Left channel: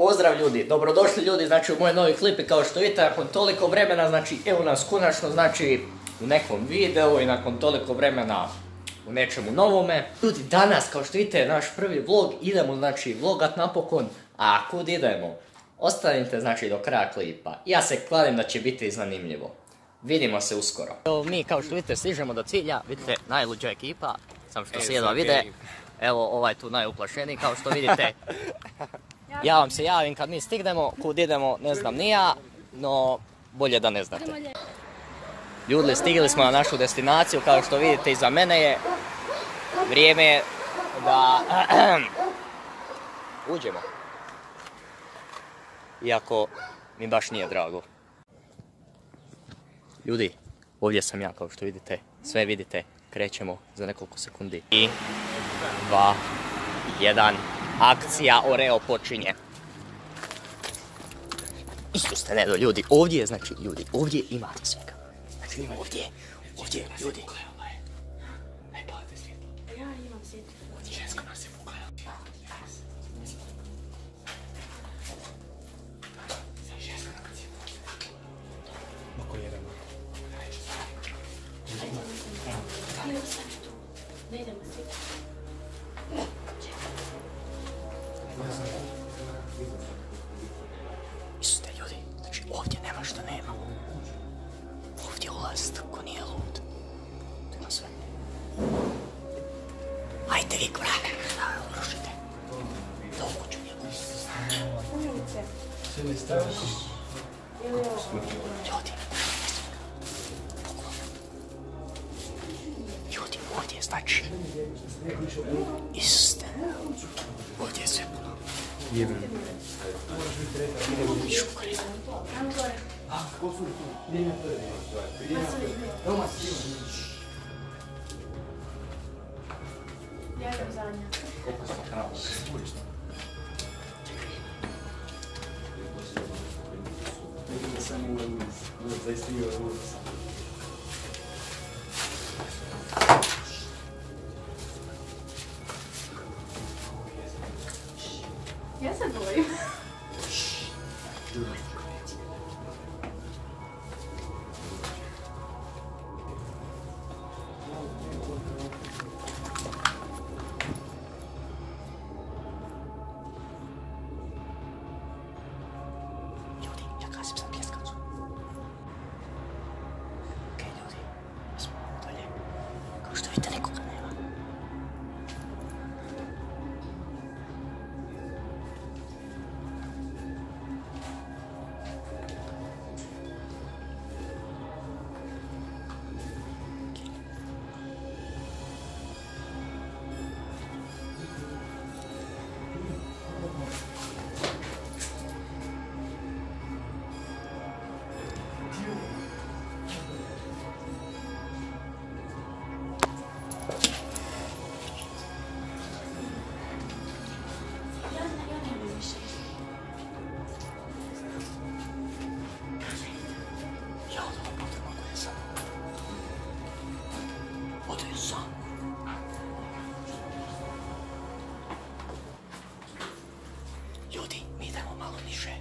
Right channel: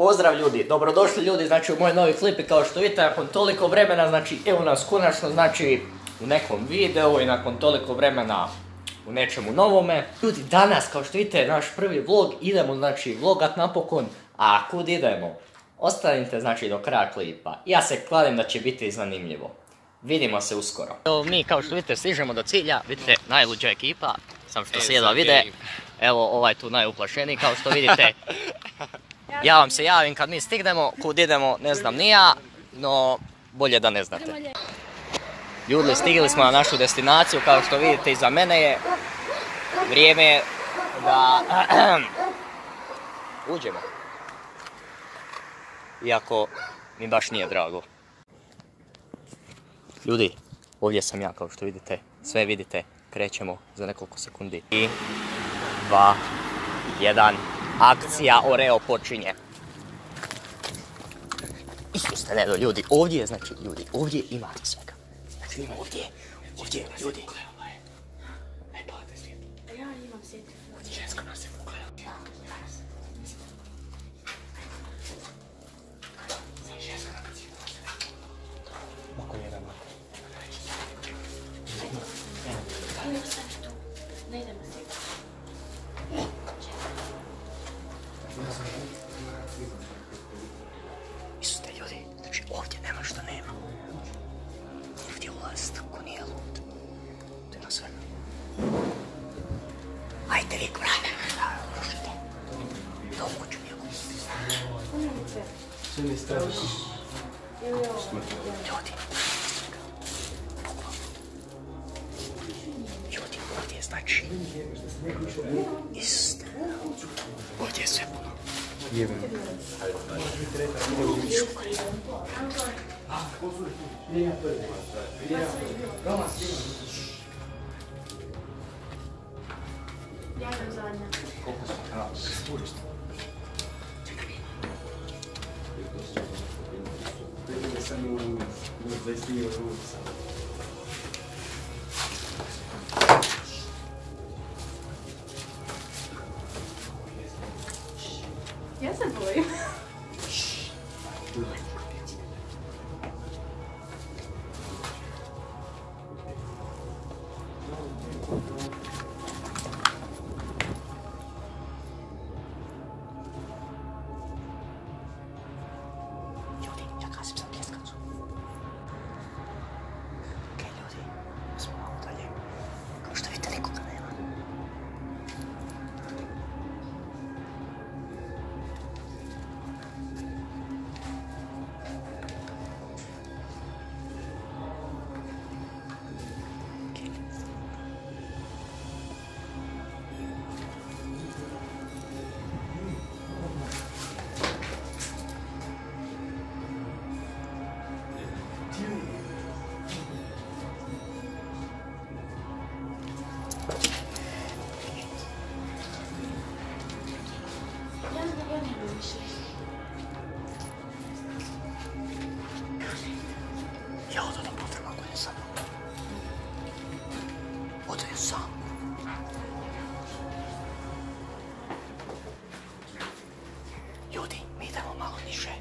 Pozdrav ljudi, dobrodošli ljudi, znači u moj novi klip i kao što vidite nakon toliko vremena, znači evo nas konačno, znači u nekom videu i nakon toliko vremena u nečemu novome. Ljudi, danas kao što vidite naš prvi vlog, idemo znači vlogat napokon, a kud idemo? Ostanite znači do kraja klipa, ja se kladim da će biti zanimljivo. Vidimo se uskoro. Evo mi kao što vidite stižemo do cilja, vidite najluđa ekipa, sam što se jedva vide. Evo ovaj tu najuplašeniji kao što vidite. Ja vam se javim kad mi stignemo, kud idemo ne znam ni ja, no bolje da ne znate. Ljudi, stigli smo na našu destinaciju, kao što vidite iza mene je. Vrijeme je da uđemo. Iako mi baš nije drago. Ljudi, ovdje sam ja kao što vidite, sve vidite, krećemo za nekoliko sekundi. 3, 2, 1, akcija Oreo počinje. Isuse, ne, ljudi, ovdje je, znači, ljudi, ovdje ima svega. Znači, ima ovdje, ljudi. Ja imam svjetlo. Ženska nas je koja. Ženska nas je. Mako jedan. Idemo sad tu. Da idemo svjetlo. Isuse, ljudi, znači, ovdje nema što nema. Ovdje ulazi tako nije lud. To ima svega. Ajde vi kurane, rušite. To kuću njegu. Umjenice. Sve mi straši. Ili ovo. Ljudi, bukvalno. Ljudi, ovdje je znači. Iste. Ovdje je sve puno. Ja sam zadnja. Ja se bojim. Ljudi, ja kasim za pljeskacu. Okej, ljudi, mi smo malo dalje. Kao što vidite, nikoga nema. Ja ne bih više. Ja odo da putem ako je sam. Odo je sam. Ljudi, mi idemo malo niže.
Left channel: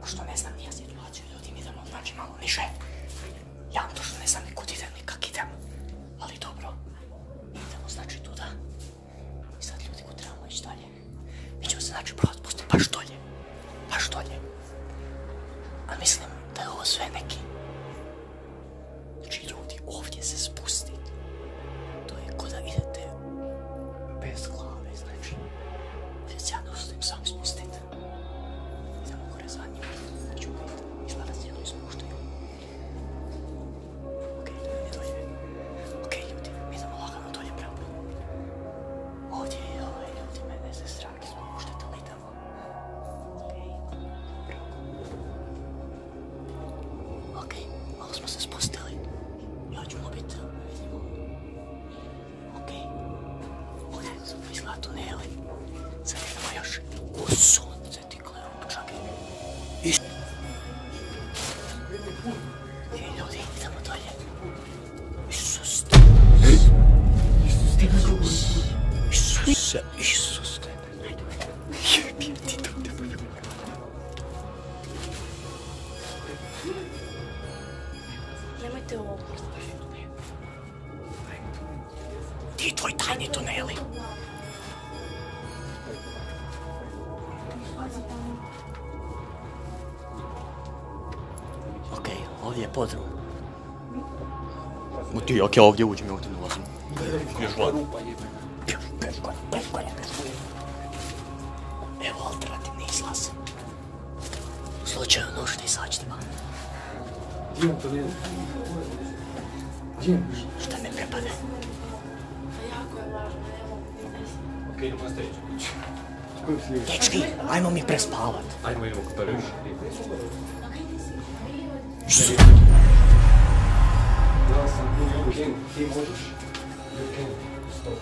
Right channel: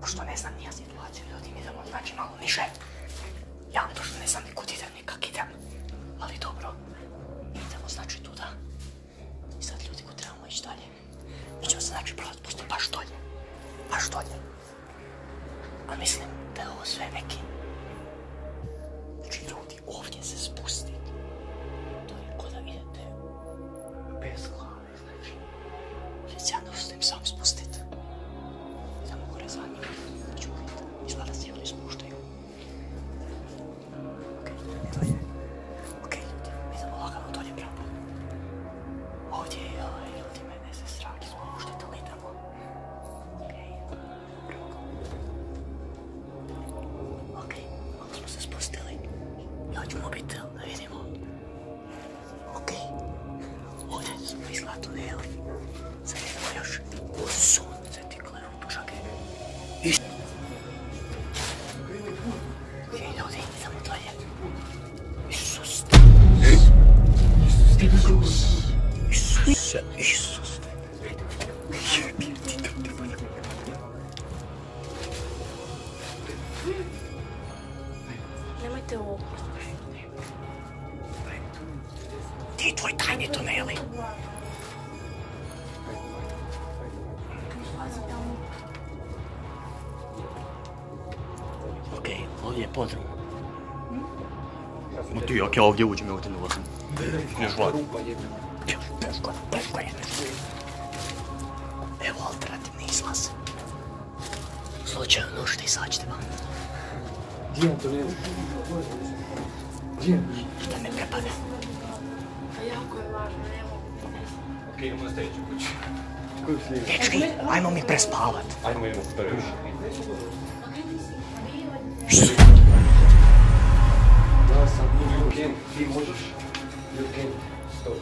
Pošto ne znam nija situaciju, ljudi, mi idemo znači malo niže. Ja vam točno ne znam ni kud idem, ni kak idem. Ali dobro, mi idemo znači tuda. I sad ljudi, kud trebamo ići dalje. Mi ćemo se znači probat postoji baš dolje. Baš dolje. Ali mislim da je ovo sve neki. Znači ljudi, ovdje se spustiti. To je ko da idete bez glave, znači. Ovdje se ja ne ostajem sam spustiti. Samo gore za njih. Znači, izgleda se ljudi spuštaju. Okej, ljudi, idemo lagano dolje pravo. Ovdje je ljudi, mene se strah spuštite, ali idemo. Okej, malo smo se spustili. Ja ću mobitel da vidimo. Okej, ovdje smo izgleda tuneli. Sad idemo još u sunce ti gledamo, čakaj. Okej, ljudi, idemo dalje. Isus. Isuse. Ti tvoj tajni tuneli. Okej, ovdje je podrum. No ti, okej, ovdje uđem, ovdje ne ulazim. Još van. Evo alternativni izlaz. Slučajno nužni, izađite van. Gdje je to ne? Gdje je? Šta ne prepade? Jako je važno, evo. Okej, idemo na sljedeću kuću. Dečki, ajmo mi prespavat. Ajmo, idemo kod toga. Ja sam Ken, ti možeš? Ken, stop.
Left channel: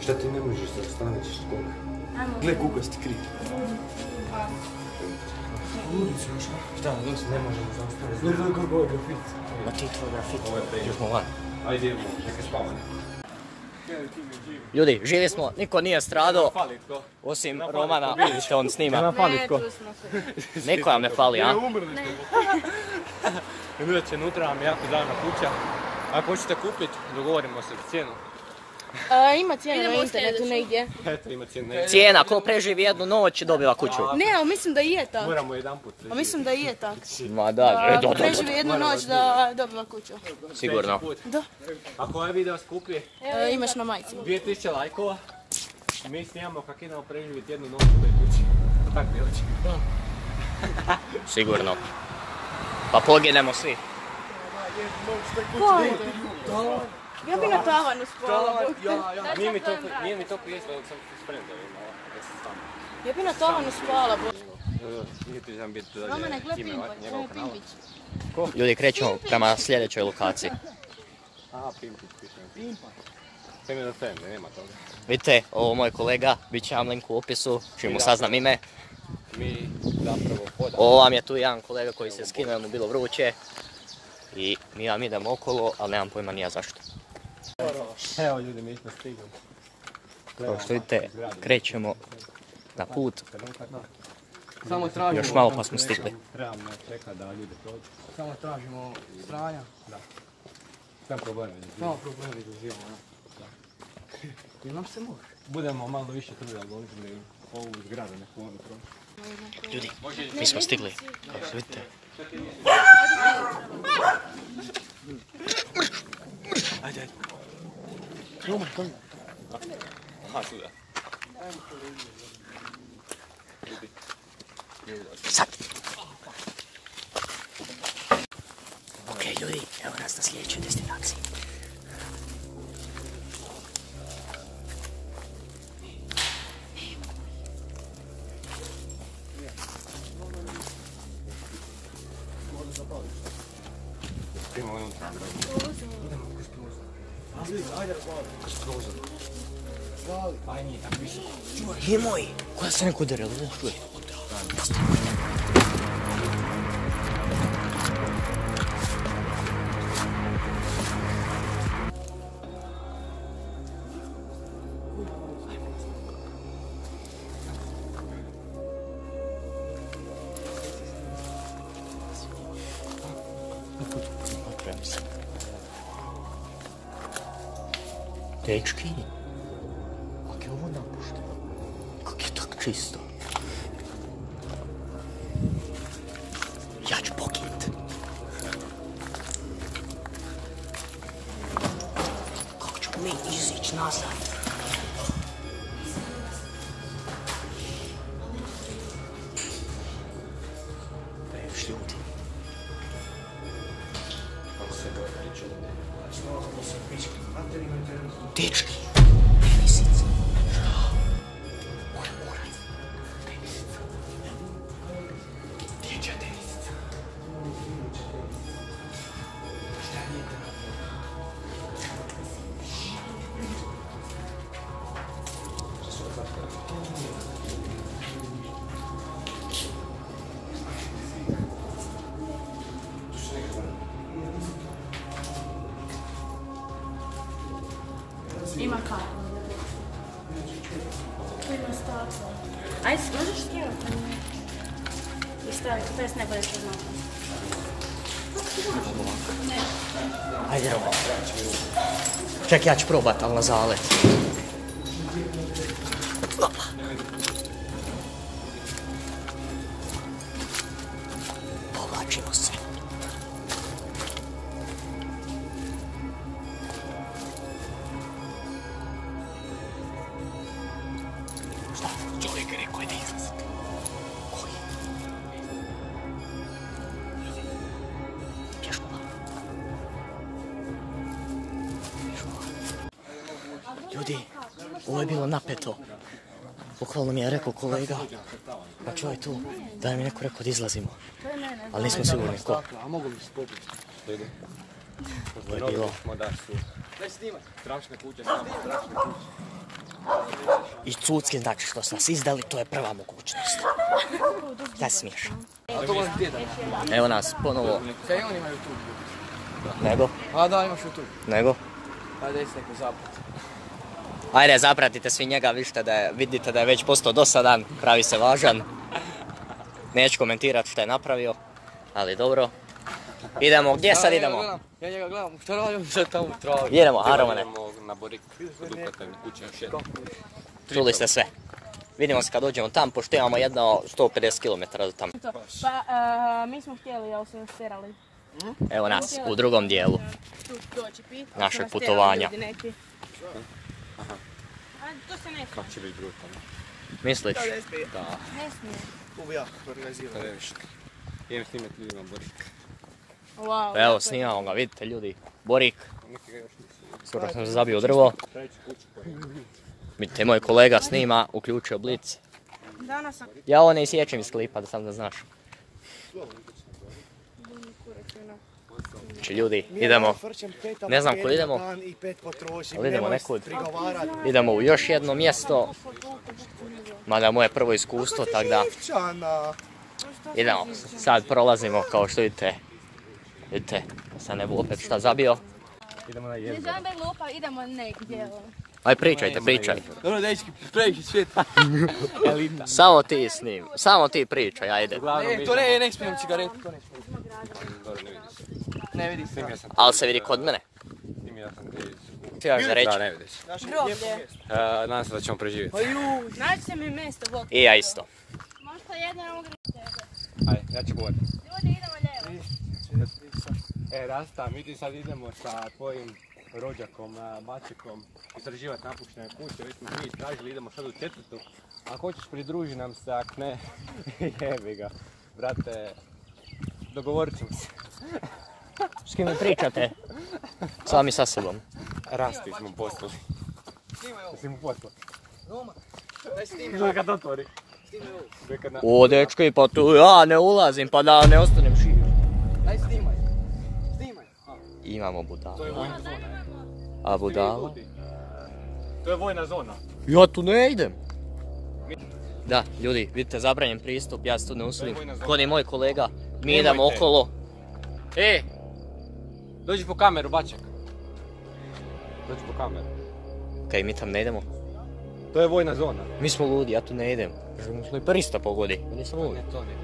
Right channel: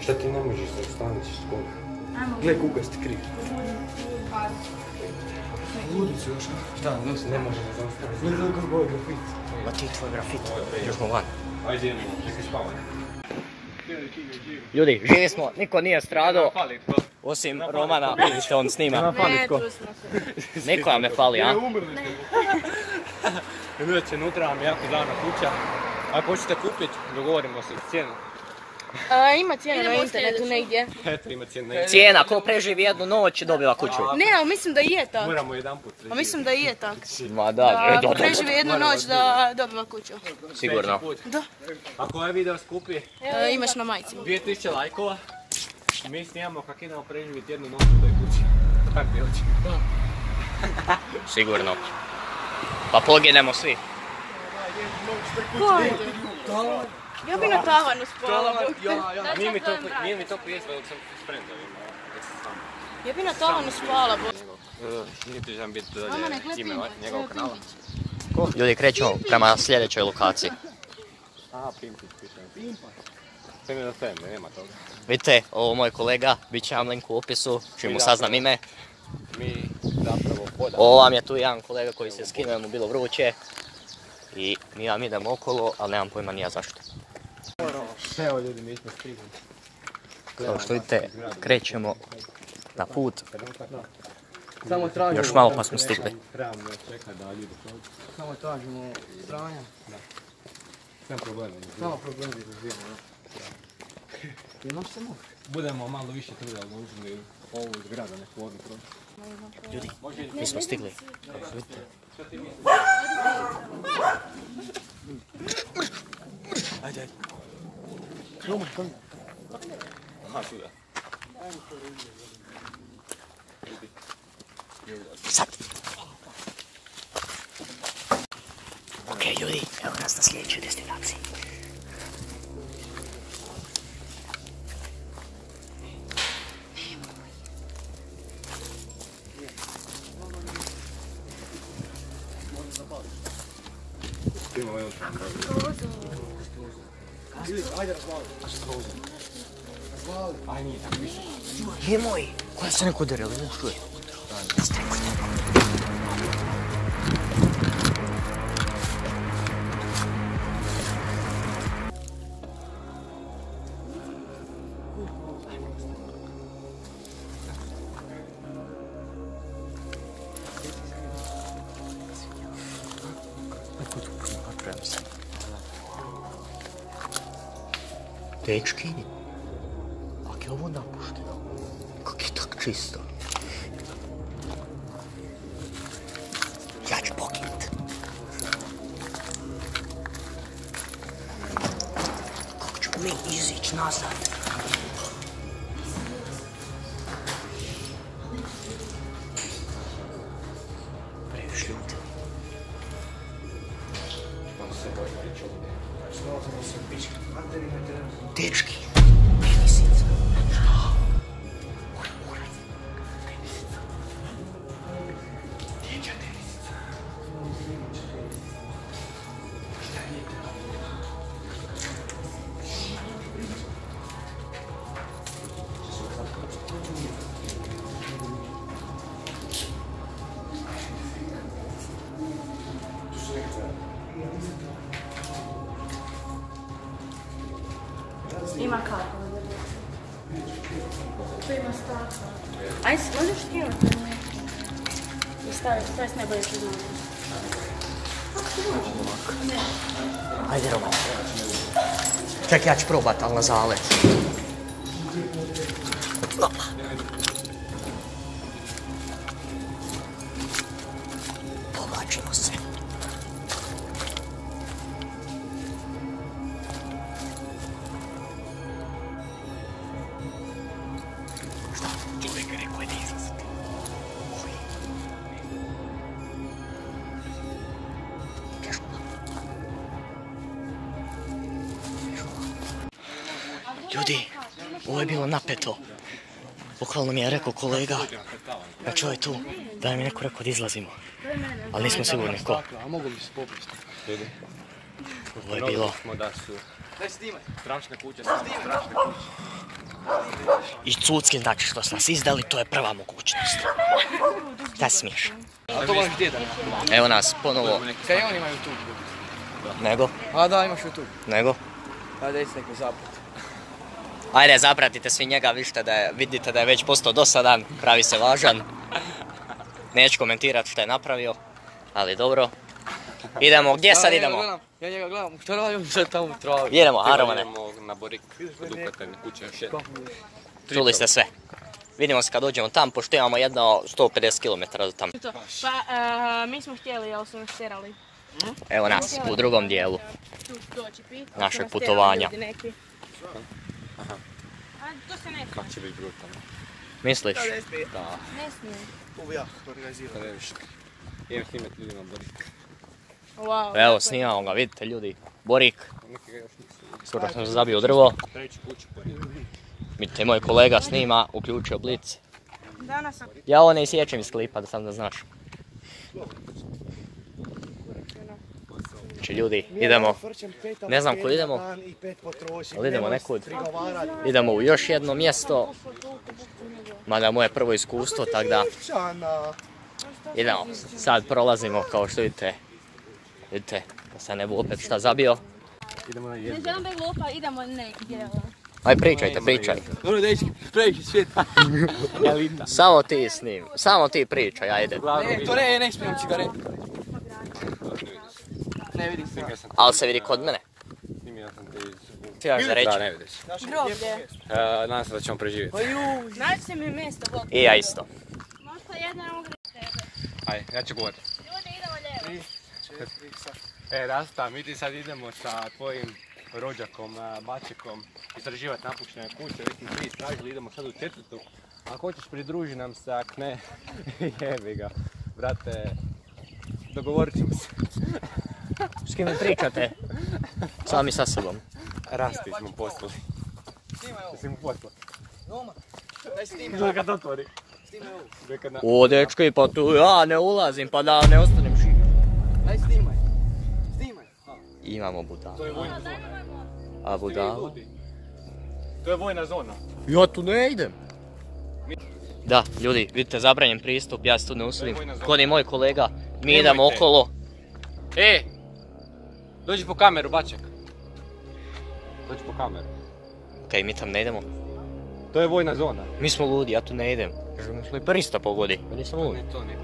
Šta ti ne možeš da staneš skoro? Gle, kukasti krik. Ludicu još, da, ne možemo zaustaviti. Gle, kako je grafit. Ma ti tvoj grafit, još smo van. Ajde, idemo, neka spavanje. Ljudi, živi smo, niko nije stradao, osim Romana, vidite on snima. Ne, tu smo se. Niko vam ne fali, a? Idete unutra, vam je jako davna kuća. Ako hoćete kupiti, dogovorimo se cijenu. Ima cijena na internetu negdje. Eto, ima cijenu. Cijena, ko preživi jednu noć dobiva kuću. Ne, ali mislim da i je tak. Moramo jedan put A mislim da i je tak. Ma da, Ako preživi jednu noć da dobiva kuću. sigurno. Da. Ako ovaj video skupi Imaš na majici. 2000 lajkova, mi snimamo kako idemo preživjeti jednu noć u toj kući. Tako bi oči. Sigurno. Pa poginemo svi. Ja bi na tavanu spala. Nije mi to prijesno dok sam spremao. Ja bi na tavanu spala. Niti želim biti dođe ime njegovog kanala. Ljudi, krećemo prema sljedećoj lokaciji. Aha, Pimpić piše. Sve mi je da fan, nema toga. Vidite, ovo moj kolega, bit će vam link u opisu, čim mu saznam ime. Mi zapravo hodamo. Ovo vam je tu jedan kolega koji se skinuo, mu bilo vruće. I mi vam idemo okolo, ali nemam pojma nija zašto. Evo ljudi, mi smo stigli. Kao što vidite, krećemo na put. Samo tražimo... Još malo pa smo stigli. Trebamo čekati da ljudi prođu. Samo tražimo stranja. Sem problema. Samo problem izuzijemo, ja. I nam se može. Budemo malo više trudili, odložili ovu zgradu, neku odluku. Ljudi, mi smo stigli. Kao što vidite. Ajde, ajde. Sad. Ok, ljudi, evo nas na sljedećoj destinaciji. Nemoj, koja se neko udarila, ne čuje. Dečki, kak je ovo napušteno? Kak je tak čisto? Ja ću poginut. Kako ćemo mi izići nazad? Previš ljudi. Dečki, tenisica. Moj kurac. Tenisica. Dječja tenisica. Šta je to? Ima kako. Ajde, možeš skinuti? I staviš, to je s najbolje što znam. Ajde, Roman. Čak, ja ću probat, ali na zalet. Povlačimo se. Šta? Čovjek je rekao da izlazi. Ljudi, ovo je bilo napeto. Bukvalno mi je rekao kolega, da čuje tu, da mi je neko rekao da izlazimo. Ali nismo sigurni ko. A mogu bi se popiti. Ovo je bilo... I cuckin, znači što su nas izdali, to je prva mogućnost. Šta se smiješ? A to možeš gdje da? Evo nas ponovo. Kaj on ima YouTube? Nego? A da, imaš YouTube. Nego? Ajde, jesi tako zaprat. Ajde, zapratite svi njega, vidite da je već postao dosadan, pravi se važan. Neću komentirati što je napravio, ali dobro. Idemo, gdje sad idemo? Ja njega gledam, šta radim sad tamo u travi? Idemo, Romane. Idemo na Borik, kod uplatne kuće još jedno. Čuli ste sve. Vidimo se kad dođemo tam, pošto imamo jedno 150 km do tamo. Pa, mi smo htjeli, ali su nas tjerali. Evo nas, u drugom dijelu našeg putovanja. Kako će biti brutalno? Misliš? Da. Ne smije. Pa ne više. Idem snimat ljudi na Borik. Wow. Evo, snimamo ga, vidite ljudi. Borik. Skoro sam se zabio drvo. Vidite, moj kolega snima, uključio blic. Ja ovo ne isječem iz klipa, da sam da znaš. Znači ljudi, idemo, ne znam kud idemo, ali idemo nekud. Idemo u još jedno mjesto, mada moje prvo iskustvo, tako da idemo. Sad prolazimo, kao što vidite, sad ne bu opet šta zabio. Idemo na Ne jednu. želim da glupa, idemo negdje. Aj pričajte, pričaj. Ono dečki, previše svijet. Samo ti snim, samo ti pričaj, ajde. Ne, to ne smijem cigaretu. Ne vidim se. Ali se vidi kod mene. Snimio sam te iz... Ti imaš za reći? Da, ne vidiš. Groblje. Nadam se da ćemo preživjeti. Nađite mi mjesto, Bog. I ja isto. Možda jedan ugri tebe. Ajde, ja ću govoriti. Ljudi, idemo lijevo. Rasta, mi ti sad idemo sa tvojim rođakom, Mačekom, istraživati napuštene kuće, već smo svi istražili, idemo sad u četvrtu. Ako hoćeš pridruži nam se, ak ne, jebi ga. Brate, dogovorit ćemo se. S kim mi pričate? Sami sa sobom. Rasti smo poslali. Jesi mu poslali? Neka to otvori. O, dečki, pa tu ja ne ulazim, pa da ne ostanem živ. Aj snimaj. Snimaj. Imamo budala. To je vojna zona. A budala? To je vojna zona. Ja tu ne idem. Da, ljudi, vidite, zabranjen pristup, ja se tu ne usudim. Kod je moj kolega, mi idemo okolo. Dođi po kameru, Baček. Dođi po kameru. Kaj, mi tam ne idemo? To je vojna zona. Mi smo ludi, ja tu ne idem. Želim smo i prista pogodi, ja nisam ludi. To nije.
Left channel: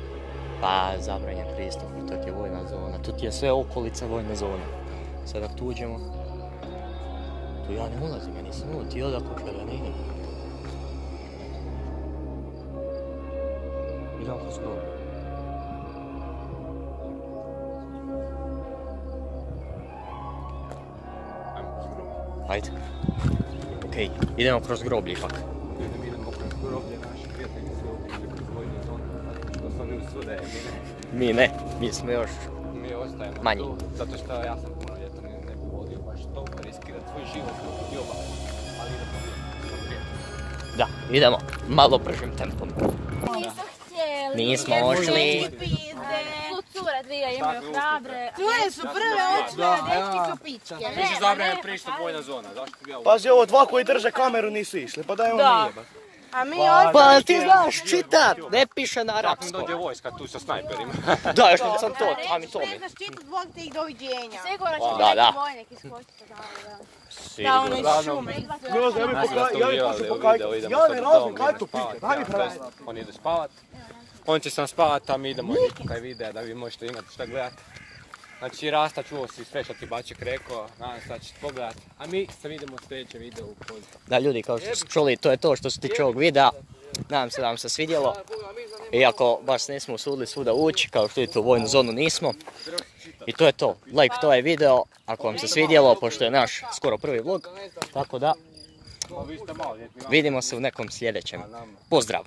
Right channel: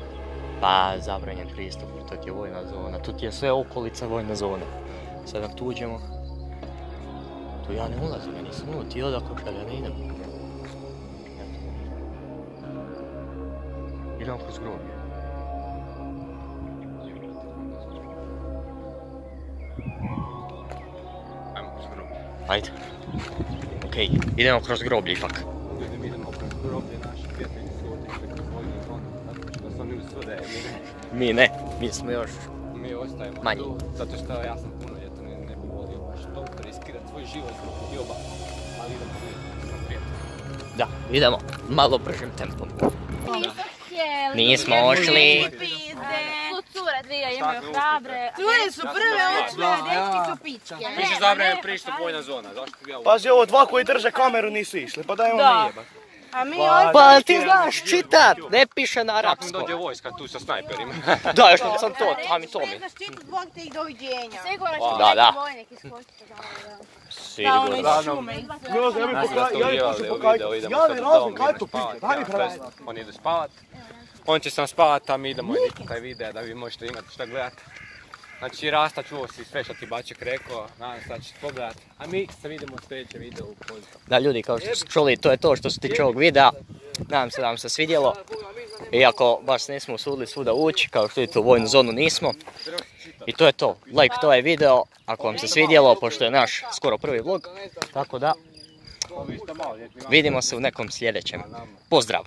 Pa, zabranjen pristup, to ti je vojna zona, tu ti je sve okolica vojna zona. Sad ako tu uđemo, tu ja ne ulazim, ja nisam ludi, ti odako kad ja ne idem. Idemo kroz groblje. Ajmo kroz groblje. Ajde. Okej, idemo kroz groblje ipak. Idemo kroz groblje, naši prijatelji se otišli kroz vojne zone, zato što smo mi svuda. Mi ne, mi smo još. Mi ostajemo Manje. tu, zato što ja sam punoljetan i ne bi volio baš toliko riskirati svoj život zbog dioba. Ali idemo vidjeti. Da, idemo malo bržim tempom. Nisam htjeli. Nismo ošli. Cure dvije imaju hrabre. Cure su prve očne, dečki su pičke. Više zabranjen pristup vojna zona, zašto bi ja Pazi, ovo dva koji drže kameru nisu išli, pa daj ovo mi jeba. A mi ovdje... Pa ti znaš čitat, ne piše na dođe arapskom. vojska tu sa snajperima. Da, još sam to, a mi to mi. Sigurno će Da, da. neki vojnik iskočiti. Sigurno. Uglavnom, Nas da smo uvijevali u video, idemo sad u dom, idemo spavati. Oni idu spavat. On će sam spavat, a mi idemo editi taj video da vi možete imati šta gledati. Znači Rasta, čuo si sve što ti Baček rekao, nadam se da ćete pogledat, a mi se vidimo u sljedećem videu u Poljsku. Da, ljudi, kao što ste čuli, to je to što se tiče ovog videa. Nadam se da vam se svidjelo. Iako baš nismo usudili svuda ući, kao što vidite u vojnu zonu nismo. I to je to. Lajkujte ovaj video ako vam se svidjelo, pošto je naš skoro prvi vlog. Tako da, vidimo se u nekom sljedećem. Pozdrav!